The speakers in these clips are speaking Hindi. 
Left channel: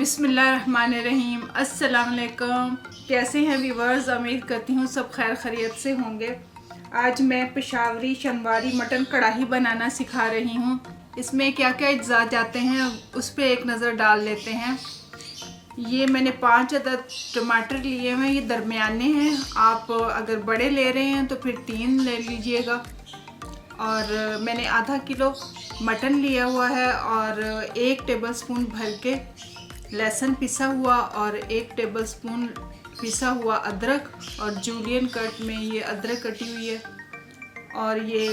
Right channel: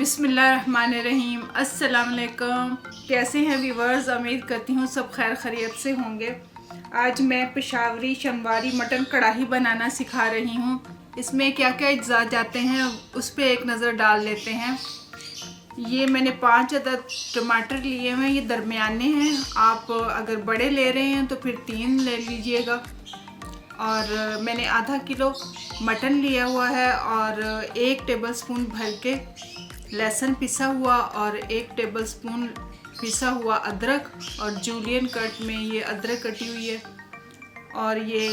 बिस्मिल्लाहिर्रहमानिर्रहीम। अस्सलाम वालेकुम। कैसे हैं व्यूवर्स? उम्मीद करती हूँ सब खैर खैरियत से होंगे। आज मैं पेशावरी शनवारी मटन कढ़ाई बनाना सिखा रही हूँ। इसमें क्या क्या अज्जा जाते हैं उस पर एक नज़र डाल लेते हैं। ये मैंने 5 अदद टमाटर लिए हैं, ये दरमियाने हैं। आप अगर बड़े ले रहे हैं तो फिर 3 ले लीजिएगा। और मैंने आधा किलो मटन लिया हुआ है और 1 टेबलस्पून भर के लहसुन पिसा हुआ और 1 टेबलस्पून पिसा हुआ अदरक और जूलियन कट में ये अदरक कटी हुई है। और ये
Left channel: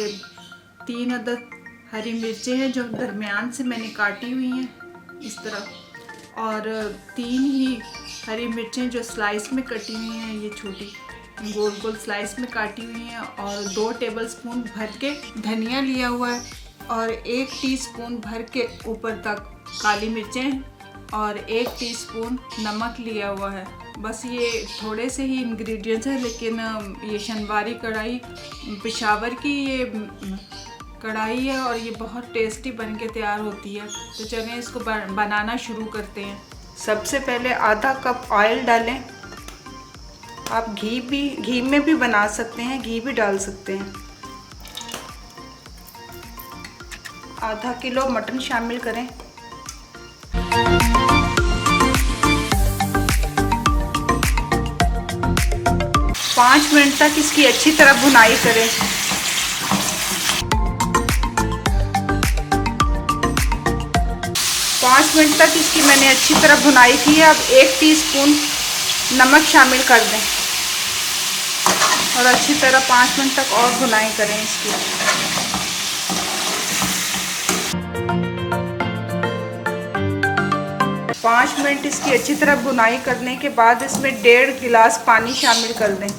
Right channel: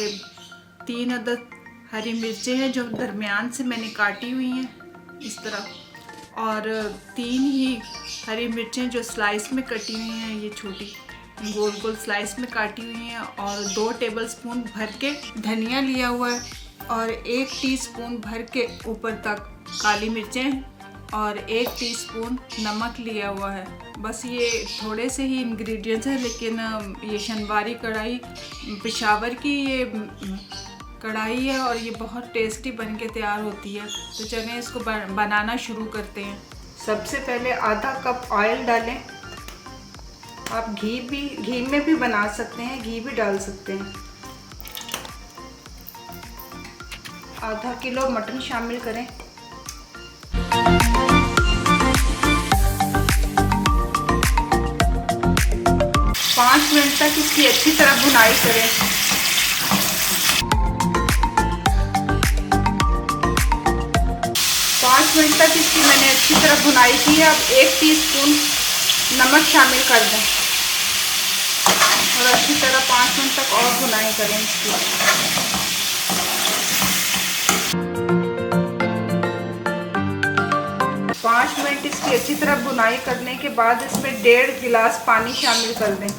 3 अदद हरी मिर्चें हैं जो दरमियान से मैंने काटी हुई हैं इस तरह। और 3 ही हरी मिर्चें जो स्लाइस में कटी हुई हैं, ये छोटी गोल गोल स्लाइस में काटी हुई हैं। और 2 टेबलस्पून भर के धनिया लिया हुआ है और 1 टीस्पून भर के ऊपर तक काली मिर्चें और 1 टीस्पून नमक लिया हुआ है। बस ये थोड़े से ही इंग्रेडिएंट्स हैं, लेकिन ये शनवारी कढ़ाई पेशावर की ये कढ़ाई है और ये बहुत टेस्टी बन के तैयार होती है। तो चलें इसको बनाना शुरू करते हैं। सबसे पहले आधा कप ऑयल डालें। आप घी में भी बना सकते हैं, घी भी डाल सकते हैं। आधा किलो मटन शामिल करें। 5 मिनट तक इसकी अच्छी तरह भुनाई करें। पाँच मिनट तक इसकी मैंने अच्छी तरह भुनाई की है। अब 1 टीस्पून नमक शामिल कर दें और अच्छी तरह 5 मिनट तक और भुनाई करें इसकी। पाँच मिनट इसकी अच्छी तरह भुनाई करने के बाद इसमें 1.5 गिलास पानी शामिल कर दें।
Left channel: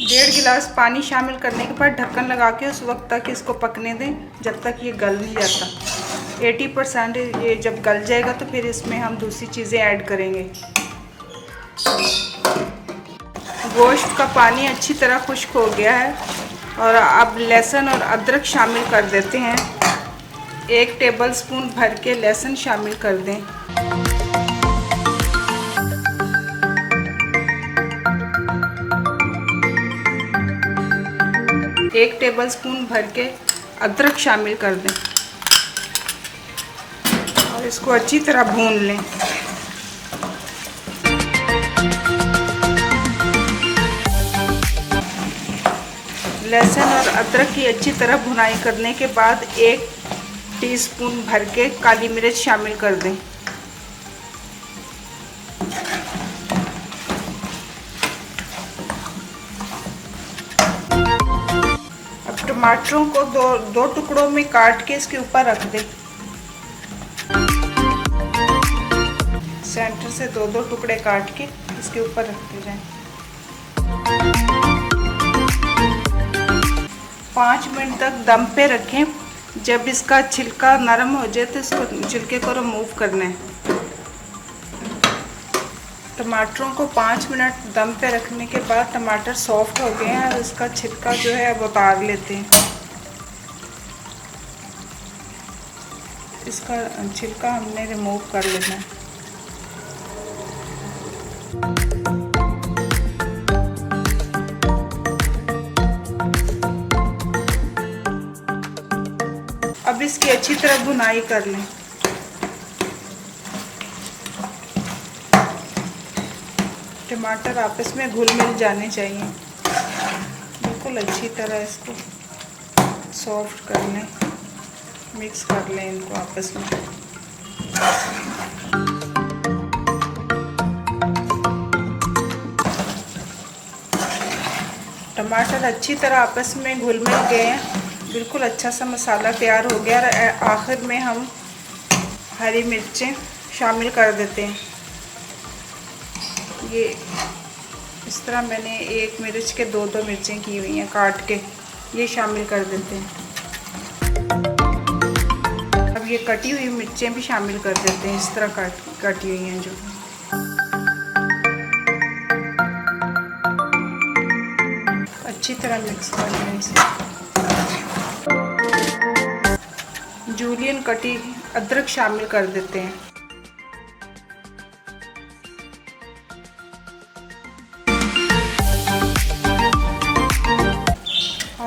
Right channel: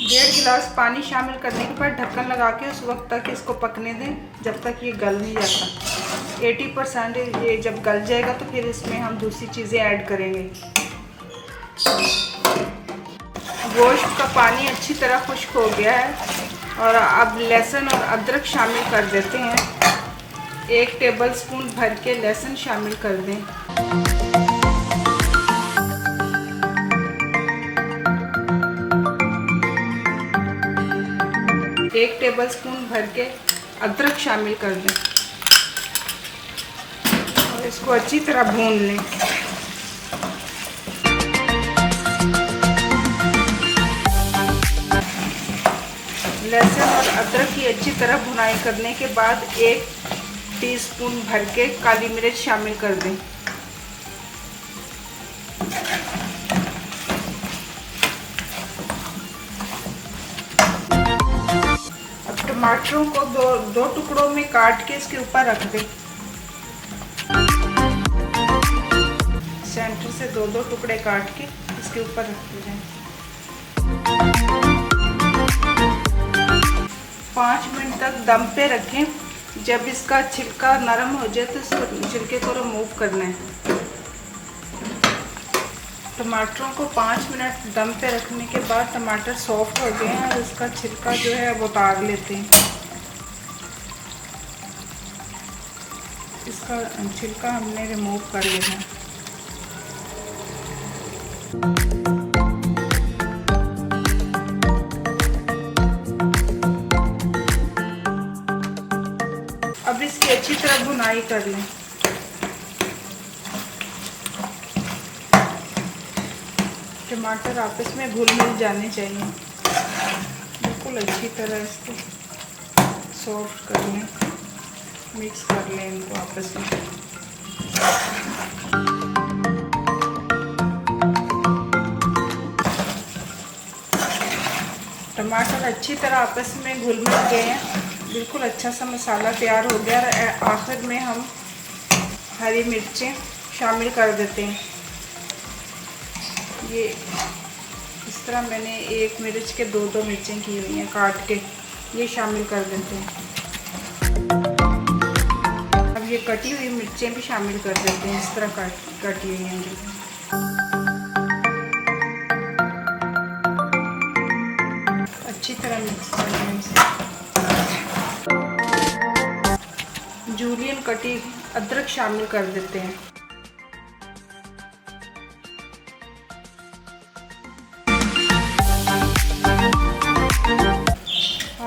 डेढ़ गिलास पानी शामिल करने के बाद ढक्कन लगा के उस वक्त तक इसको पकने दें जब तक ये गल नहीं जाता। 80% ये जब गल जाएगा तो फिर इसमें हम दूसरी चीज़ें ऐड करेंगे। गोश्त का पानी अच्छी तरह खुश्क हो गया है और अब लहसुन और अदरक शामिल कर देते हैं। 1 टेबलस्पून भर के लहसुन शामिल कर दें। 1 टेबलस्पून भर के अदरक शामिल कर दें और इसको अच्छी तरह भून लें। लहसुन और अदरक की अच्छी तरह भुनाई करने के बाद 1 टीस्पून भर के काली मिर्च शामिल कर दें। टमाटरों को दो टुकड़ों में काट के इसके ऊपर रख दें। सेंटर से 2 टुकड़े काट के इसके ऊपर रख दिए जाएं। 5 मिनट तक दम पे रखें। जब इसका छिलका नरम हो जाए तो इसको छिलके को रिमूव करना है। टमाटरों को 5 मिनट दम पे रखने के बाद टमाटर सॉफ्ट हो गए हैं और इसका छिलका जो है अब उतार लेते हैं। इसका छिलका हमने रिमूव कर लेना है। अब इसकी अच्छी तरह भुनाई कर लें। टमाटर आपस में घुल मिल जाने चाहिए। बिल्कुल अच्छी तरह इसको सॉफ्ट कर लें, मिक्स कर लें इनको आपस में। टमाटर अच्छी तरह आपस में घुल मिल गए हैं। बिल्कुल अच्छा सा मसाला तैयार हो गया और आखिर में हम हरी मिर्चें शामिल कर देते हैं। ये इस तरह मैंने 1 मिर्च के 2 मिर्चें की हुई हैं काट के, ये शामिल कर देते हैं। अब ये कटी हुई मिर्चें भी शामिल कर देते हैं, इस तरह कटी हुई हैं जो। अच्छा मिक्स करने से। जूलियन कटी अदरक शामिल कर देते हैं।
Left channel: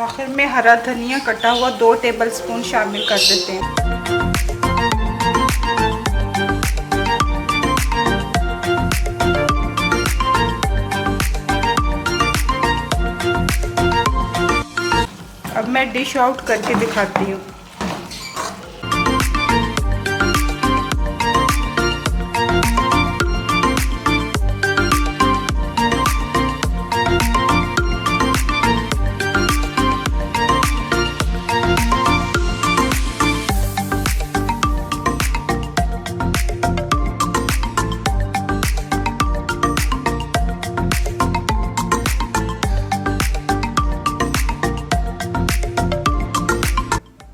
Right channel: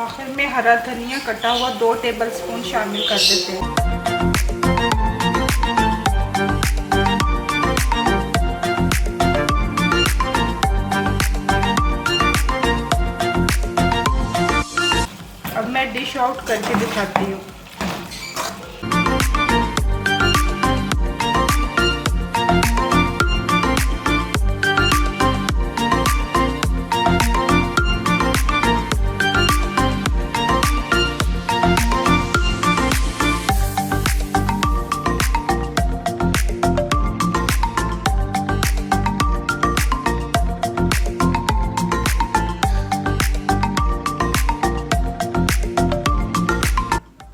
आखिर में हरा धनिया कटा हुआ 2 टेबलस्पून शामिल कर देते हैं। अब मैं डिश आउट करके दिखाती हूँ।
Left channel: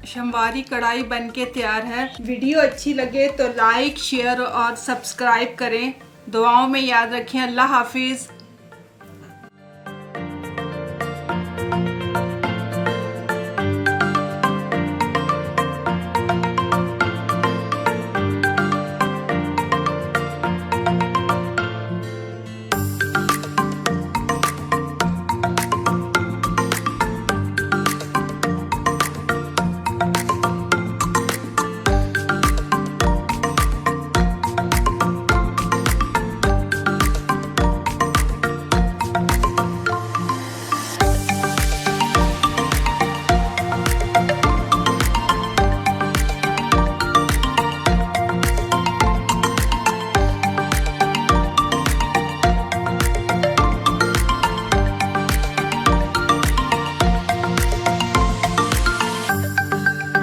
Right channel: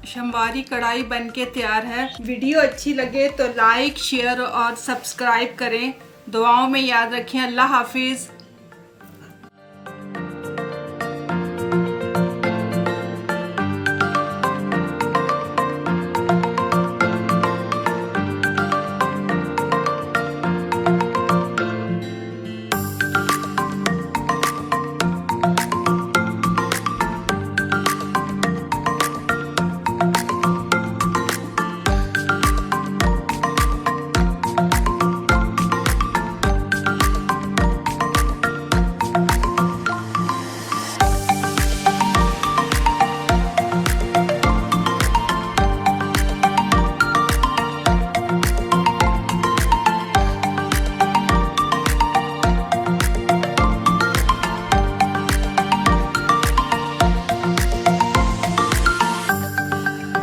शिनवारी कढ़ाई बनके तैयार है। वीडियो अच्छी लगे तो लाइक, शेयर और सब्सक्राइब करें। दुआओं में याद रखें। अल्लाह हाफिज़।